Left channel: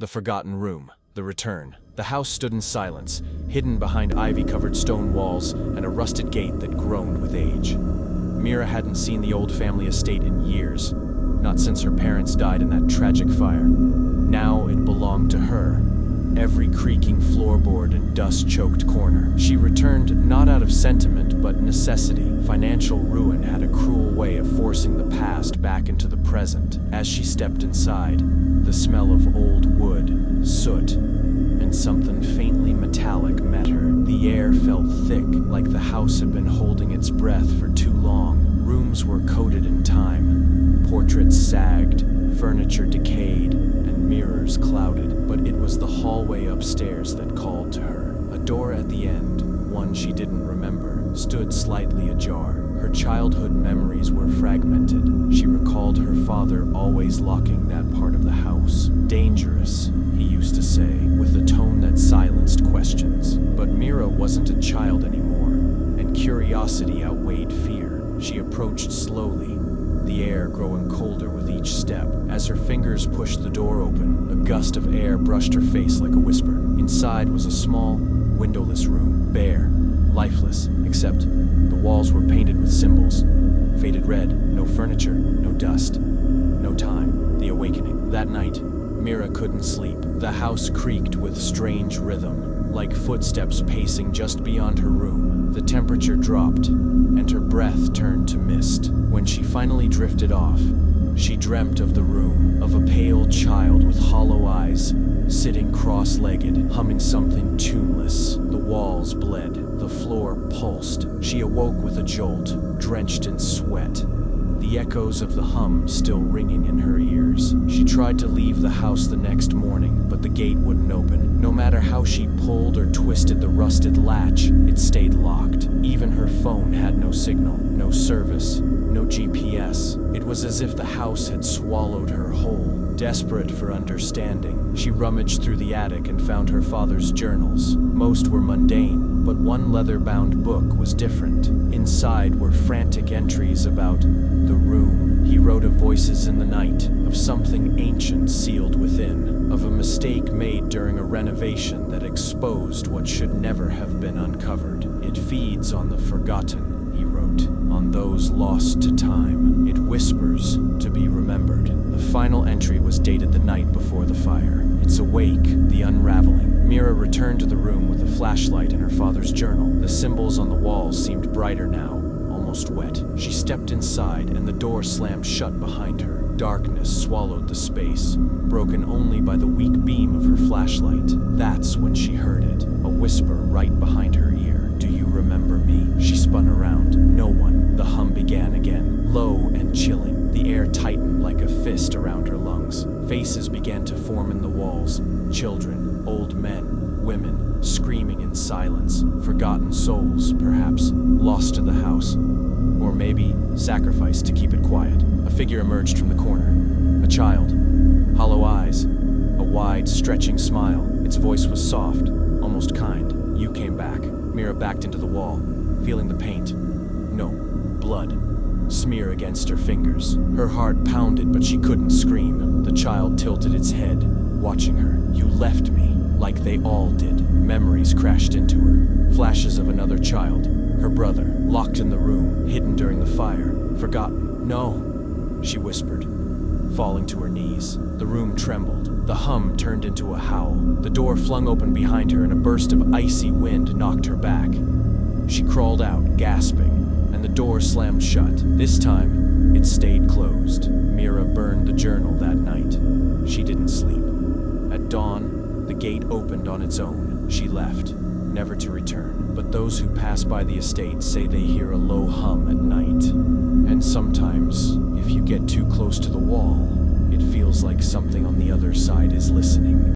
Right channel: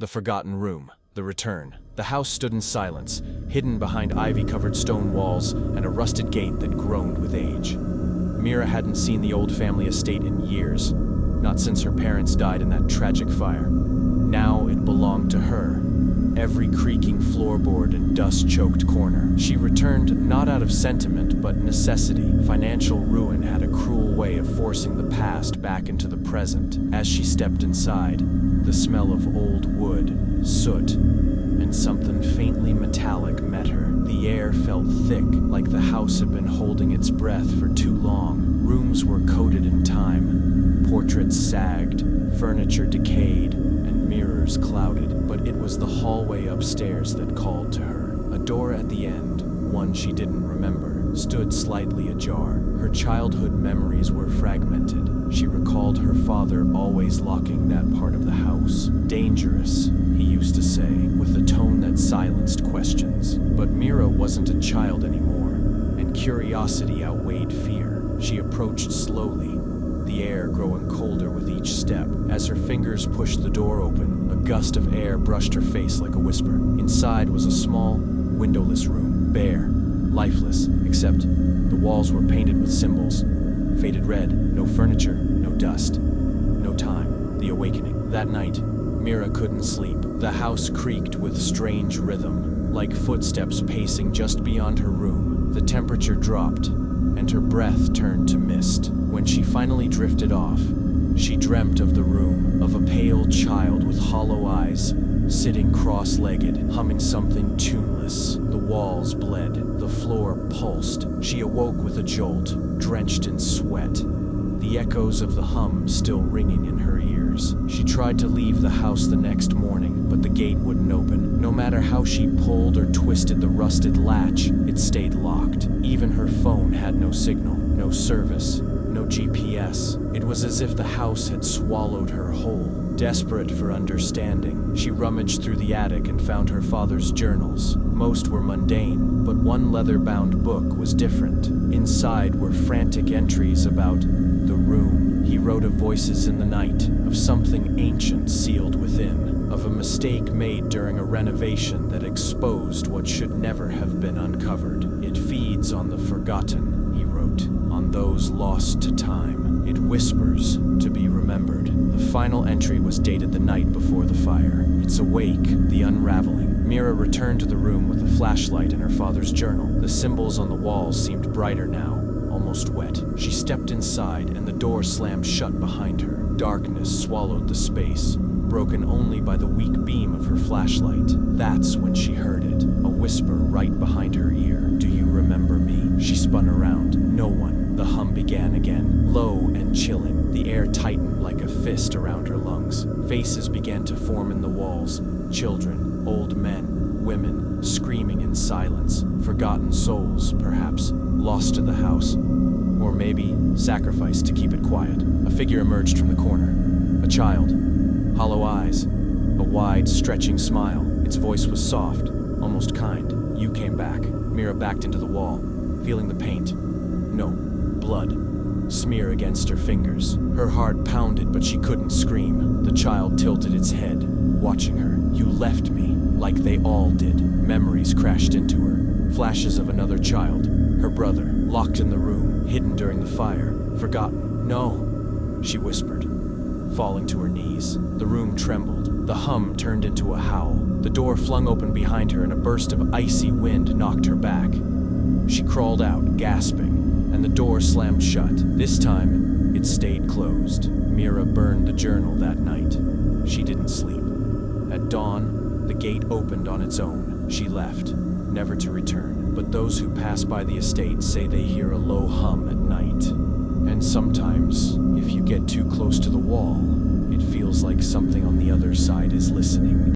The Forgotten Room. The Return. The house stood in silence, hidden behind ivy-covered stone walls and a rusted gate that groaned with age. Mira hadn't seen the old family estate in years, not since her parents died in that tragic fire. Now it belonged to her. Every creaking floorboard and dust-choked corner. She returned not out of sentiment, but necessity. Financial ruin had a cruel way of forcing the past back into the present. As she stepped inside, the smell of old wood, soot, and something faintly metallic met her. The air felt thick, like the house had been holding its breath for too long. Rooms were coated in time. Portraits sagged, furniture decayed, and mirrors clouded. But it was the hallway upstairs that called to her. A door at the end, one she didn't remember, stood slightly ajar. Her childhood memories were fragmented. She recalled her father always locking that part of the house. Dangerous, he used to say, with a tone that silenced questions. But Mira wasn't a child anymore, and curiosity outweighed fear. She approached slowly, the air growing colder with each step. As her fingers pushed the door open, a gust of air brushed her face like a whisper. Inside was a small, windowless room, bare, lifeless, except the walls were painted with symbols. Faded red, no furniture, no dust, no time. The awakening. That night, Mira couldn't sleep. The house creaked with strange rhythm, like footsteps pacing just beyond her room. The temperature dropped, and her breath turned to mist. When she finally drifted off, she dreamt of the room, of a pale child with hollow eyes, sitting cross-legged, humming something tuneless. The walls bled, the floor pulsed. She awoke with a jolt, drenched in sweat, the echoes of the hum still ringing in her ears. She tried to leave the house the next morning, but the gate wouldn't open. No matter how she pulled or twisted the rusted latch, it stayed locked. Even her phone had no signal, no service, no GPS. It was as if the house had swallowed her whole. Desperate for understanding, she rummaged through the attic and found her father's journals. Most were mundane, but one leather-bound book was different. Inside were frantic entries about the room. He wrote of voices in the night, of something ancient sealed within, of a mistake made during a renovation that exposed what should never have been uncovered. It feeds on the forgotten, he wrote, on those lost to time. It whispers to be remembered. The final entry was dated the night before the fire. It's awake, the unraveling. Mira returned to the room with a flashlight and her father's journal. The symbols on the walls seemed brighter now, almost wet. She stepped inside and the door slammed shut behind her. Darkness swallowed the space, broken only by the weak beam of her flashlight. That's when she heard it, a whisper right behind her ear. "Do you remember me?" She spun around. No one. The hum began again, low and chilling. The air tightened like a fist around her lungs. Faces began to form in the walls. Children, old men, women, screaming in silence. Forgotten souls, perhaps, lost to the house. Or maybe sacrificed to keep it quiet. A figure emerged from the corner. A child. Hollow eyes. A wide, stretching smile. Its voice was soft, almost kind. "You came back." Mira backed into the wall, feeling the paint. No, blood. Smear against her fingers. Her heart pounded, but she couldn't scream. The child tilted its head, watching her. "You left me, like they all did." Memories crashed into her. Flashes of another child. Her brother, locked in the room, hidden during the fire. Forgotten. "No," she whispered, falling to her knees. The room trembled. The hum turned into a howl. The door flung open behind her and a burst of icy wind knocked her back. She crawled out, gasping, and the door slammed shut. This time, it stayed closed. Mira burned the journal that night. She didn't sleep. At dawn, the gate opened on its own. She left, never to return. But those who pass by the estate say they hear a low hum at night. And sometimes, if you get too close to the wall, it feels like something on the other side is listening.